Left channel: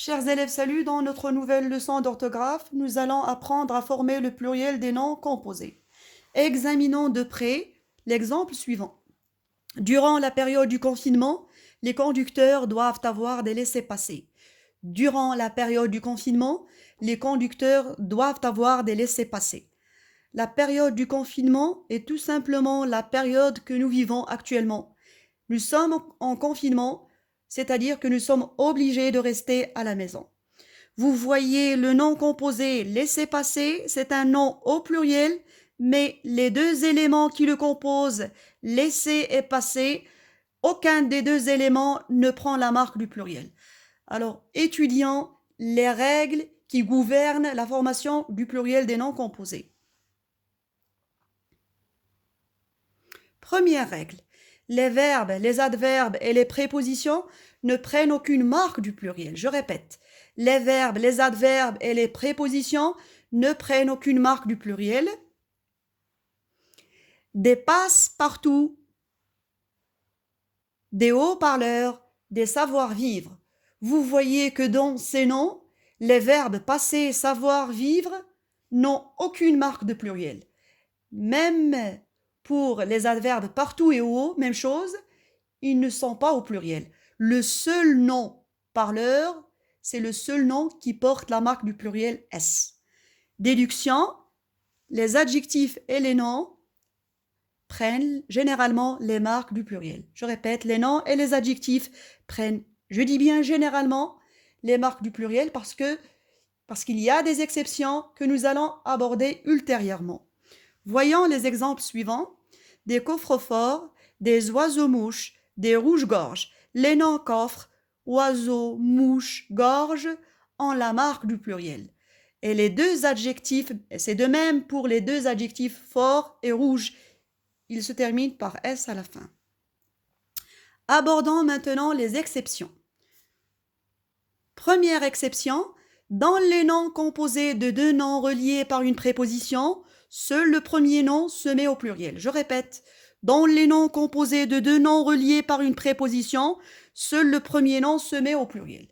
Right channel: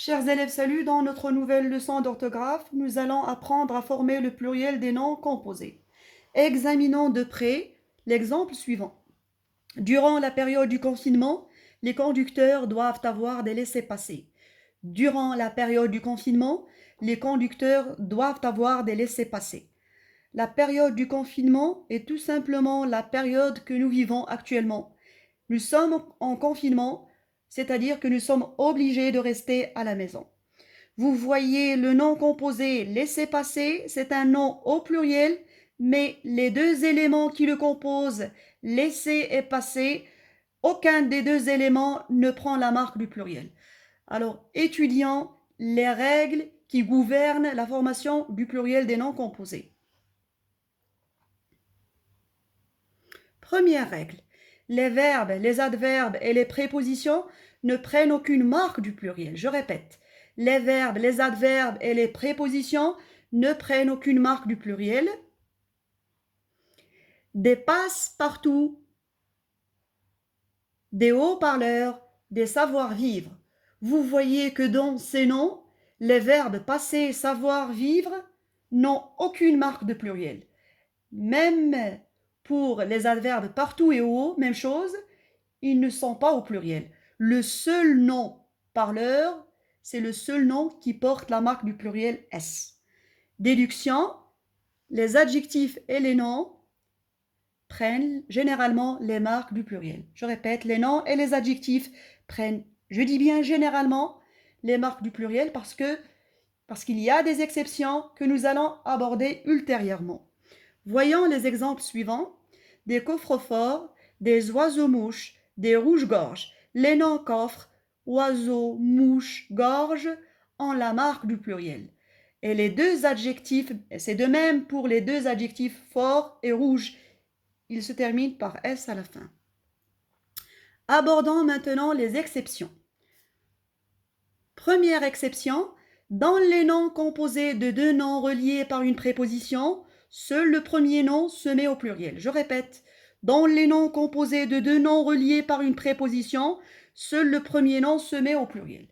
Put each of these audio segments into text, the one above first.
Chers élèves, salut! Dans notre nouvelle leçon d'orthographe, nous allons apprendre à former le pluriel des noms composés. Examinons de près l'exemple suivant. Durant la période du confinement, les conducteurs doivent avoir des laissez-passer. Durant la période du confinement, les conducteurs doivent avoir des laissez-passer. La période du confinement est tout simplement la période que nous vivons actuellement. Nous sommes en confinement, c'est-à-dire que nous sommes obligés de rester à la maison. Vous voyez le nom composé laissez-passer, c'est un nom au pluriel, mais les deux éléments qui le composent, laisser et passer, aucun des deux éléments ne prend la marque du pluriel. Alors, étudions les règles qui gouvernent la formation du pluriel des noms composés. Première règle, les verbes, les adverbes et les prépositions ne prennent aucune marque du pluriel. Je répète, les verbes, les adverbes et les prépositions ne prennent aucune marque du pluriel. Des passe-partout, des haut-parleurs, des savoir-vivre. Vous voyez que dans ces noms, les verbes passer, savoir-vivre n'ont aucune marque de pluriel. Même pour les adverbes partout et haut, même chose, ils ne sont pas au pluriel. Le seul nom parleur, c'est le seul nom qui porte la marque du pluriel S. Déduction, les adjectifs et les noms prennent généralement les marques du pluriel. Je répète, les noms et les adjectifs prennent, je dis bien généralement, les marques du pluriel parce qu'il y a des exceptions que nous allons aborder ultérieurement. Voyons les exemples suivants. Des coffres-forts, des oiseaux-mouches, des rouges-gorges. Les noms coffres, oiseaux, mouches, gorges ont la marque du pluriel. Et les deux adjectifs, c'est de même pour les deux adjectifs fort et rouge, ils se terminent par S à la fin. Abordons maintenant les exceptions. Première exception, dans les noms composés de deux noms reliés par une préposition, seul le premier nom se met au pluriel. Je répète, dans les noms composés de deux noms reliés par une préposition, seul le premier nom se met au pluriel.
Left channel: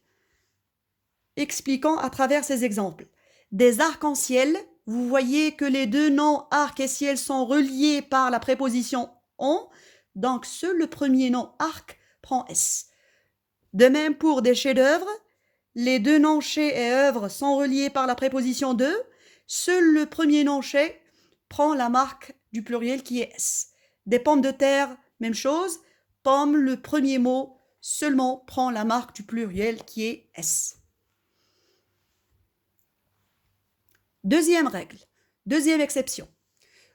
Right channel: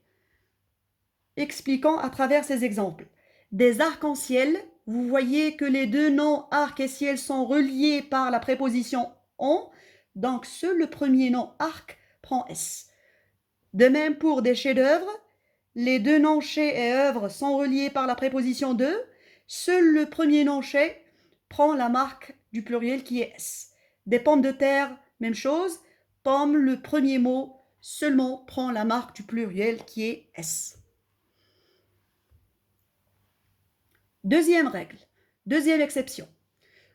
Expliquons à travers ces exemples. Des arcs-en-ciel, vous voyez que les deux noms arc et ciel sont reliés par la préposition on, donc seul le premier nom arc prend S. De même pour des chefs-d'œuvre, les deux noms chais et œuvre sont reliés par la préposition de, seul le premier nom chais prend la marque du pluriel qui est S. Des pommes de terre, même chose, pomme, le premier mot seulement prend la marque du pluriel qui est S. Deuxième règle, deuxième exception.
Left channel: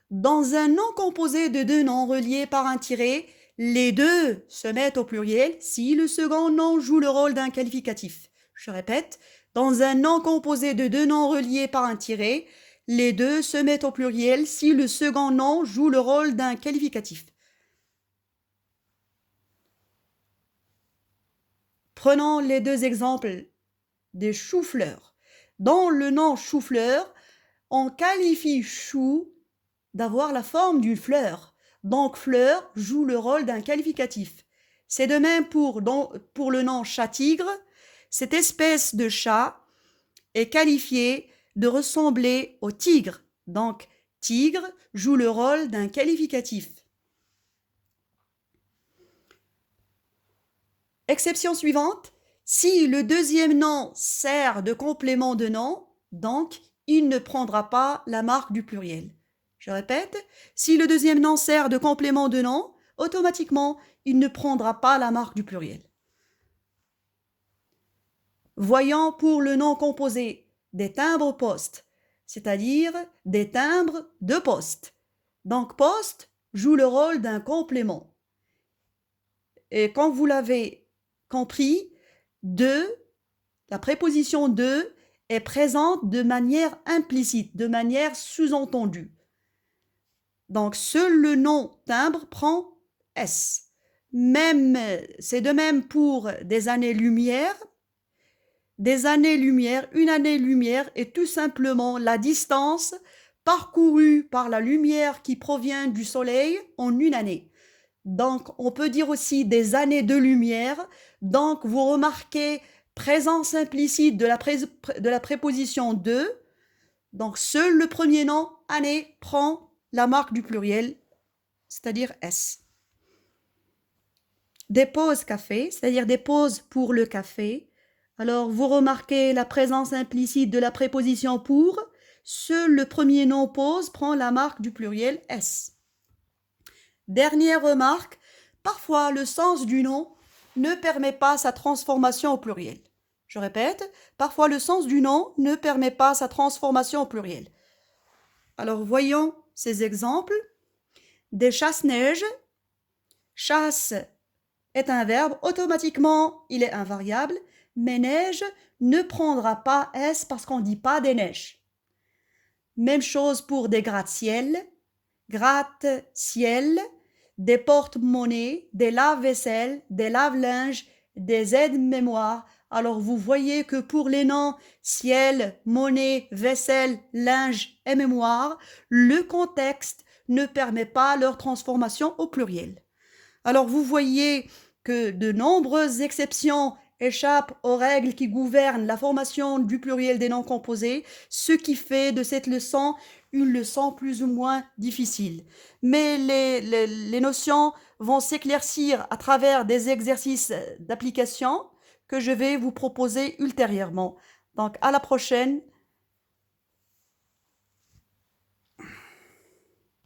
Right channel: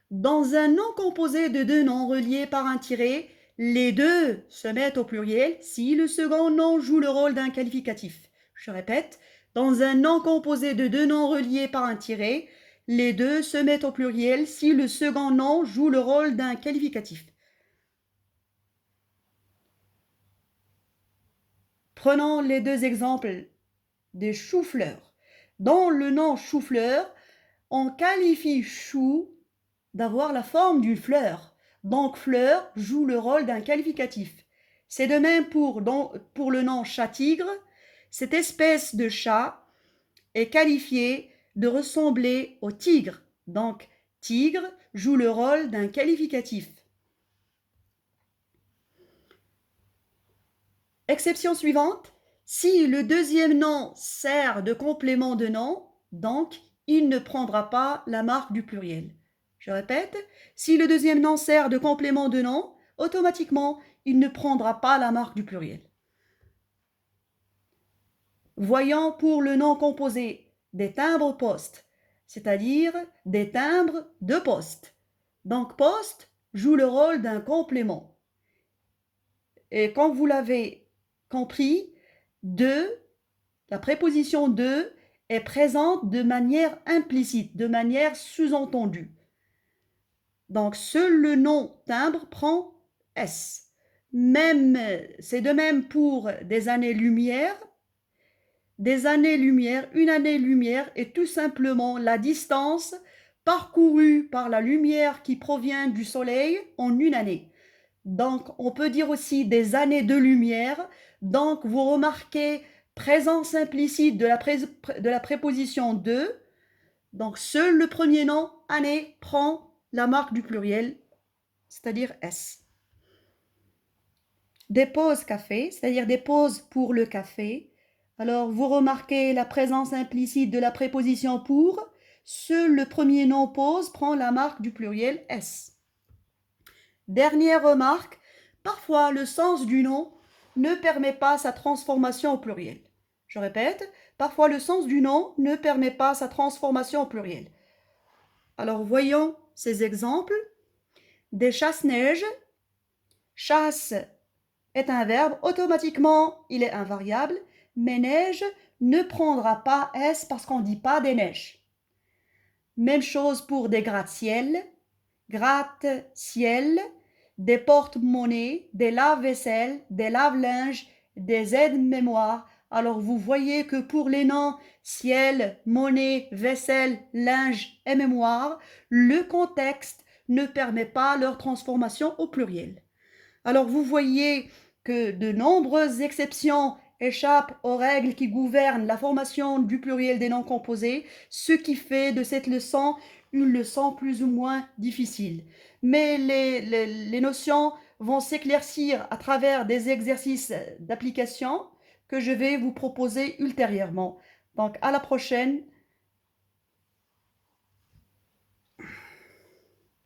Dans un nom composé de deux noms reliés par un tiret, les deux se mettent au pluriel si le second nom joue le rôle d'un qualificatif. Je répète, dans un nom composé de deux noms reliés par un tiret, les deux se mettent au pluriel si le second nom joue le rôle d'un qualificatif. Prenons les deux exemples des choux-fleurs. Dans le nom chou-fleur, on qualifie chou d'avoir la forme d'une fleur. Donc fleur joue le rôle d'un qualificatif. C'est de même pour le nom chat-tigre. Cette espèce de chat est qualifiée de ressembler au tigre. Donc tigre joue le rôle d'un qualificatif. Exception suivante, si le deuxième nom sert de complément de nom, donc il ne prendra pas la marque du pluriel. Je répète, si le deuxième nom sert de complément de nom, automatiquement, il ne prendra pas la marque du pluriel. Voyons pour le nom composé des timbres-poste, c'est-à-dire des timbres de poste. Donc poste joue le rôle d'un complément. Et quand vous l'avez compris, de, la préposition de est présente de manière implicite, de manière sous-entendue. Donc seul le nom timbre prend S. C'est de même pour des années-lumière. Des années-lumière, une année-lumière est tout simplement la distance parcourue par la lumière qui provient du soleil en une année. Donc on peut dire aussi des années de lumière. Donc vous remarquez présence implicite de la préposition de. Donc, seul le premier nom, année, prend la marque du pluriel, c'est-à-dire S. Des pauses café, c'est-à-dire des pauses pour le café. Alors, vous remarquez la présence implicite de la préposition pour. Seul le premier nom pause prend la marque du pluriel S. Dernière remarque, parfois le sens du nom ne permet pas sa transformation au pluriel. Je répète, parfois le sens du nom ne permet pas sa transformation au pluriel. Alors voyons ces exemples. Des chasse-neige. Chasse est un verbe, automatiquement il est invariable, mais neige ne prendra pas S parce qu'on ne dit pas des neiges. Même chose pour des gratte-ciel, gratte-ciel, des porte-monnaies, des lave-vaisselle, des lave-linge, des aides-mémoire. Alors vous voyez que pour les noms ciel, monnaie, vaisselle, linge et mémoire, le contexte ne permet pas leur transformation au pluriel. Alors vous voyez que de nombreuses exceptions échappent aux règles qui gouvernent la formation du pluriel des noms composés, ce qui fait de cette leçon une leçon plus ou moins difficile. Mais les notions vont s'éclaircir à travers des exercices d'application que je vais vous proposer ultérieurement. Donc à la prochaine.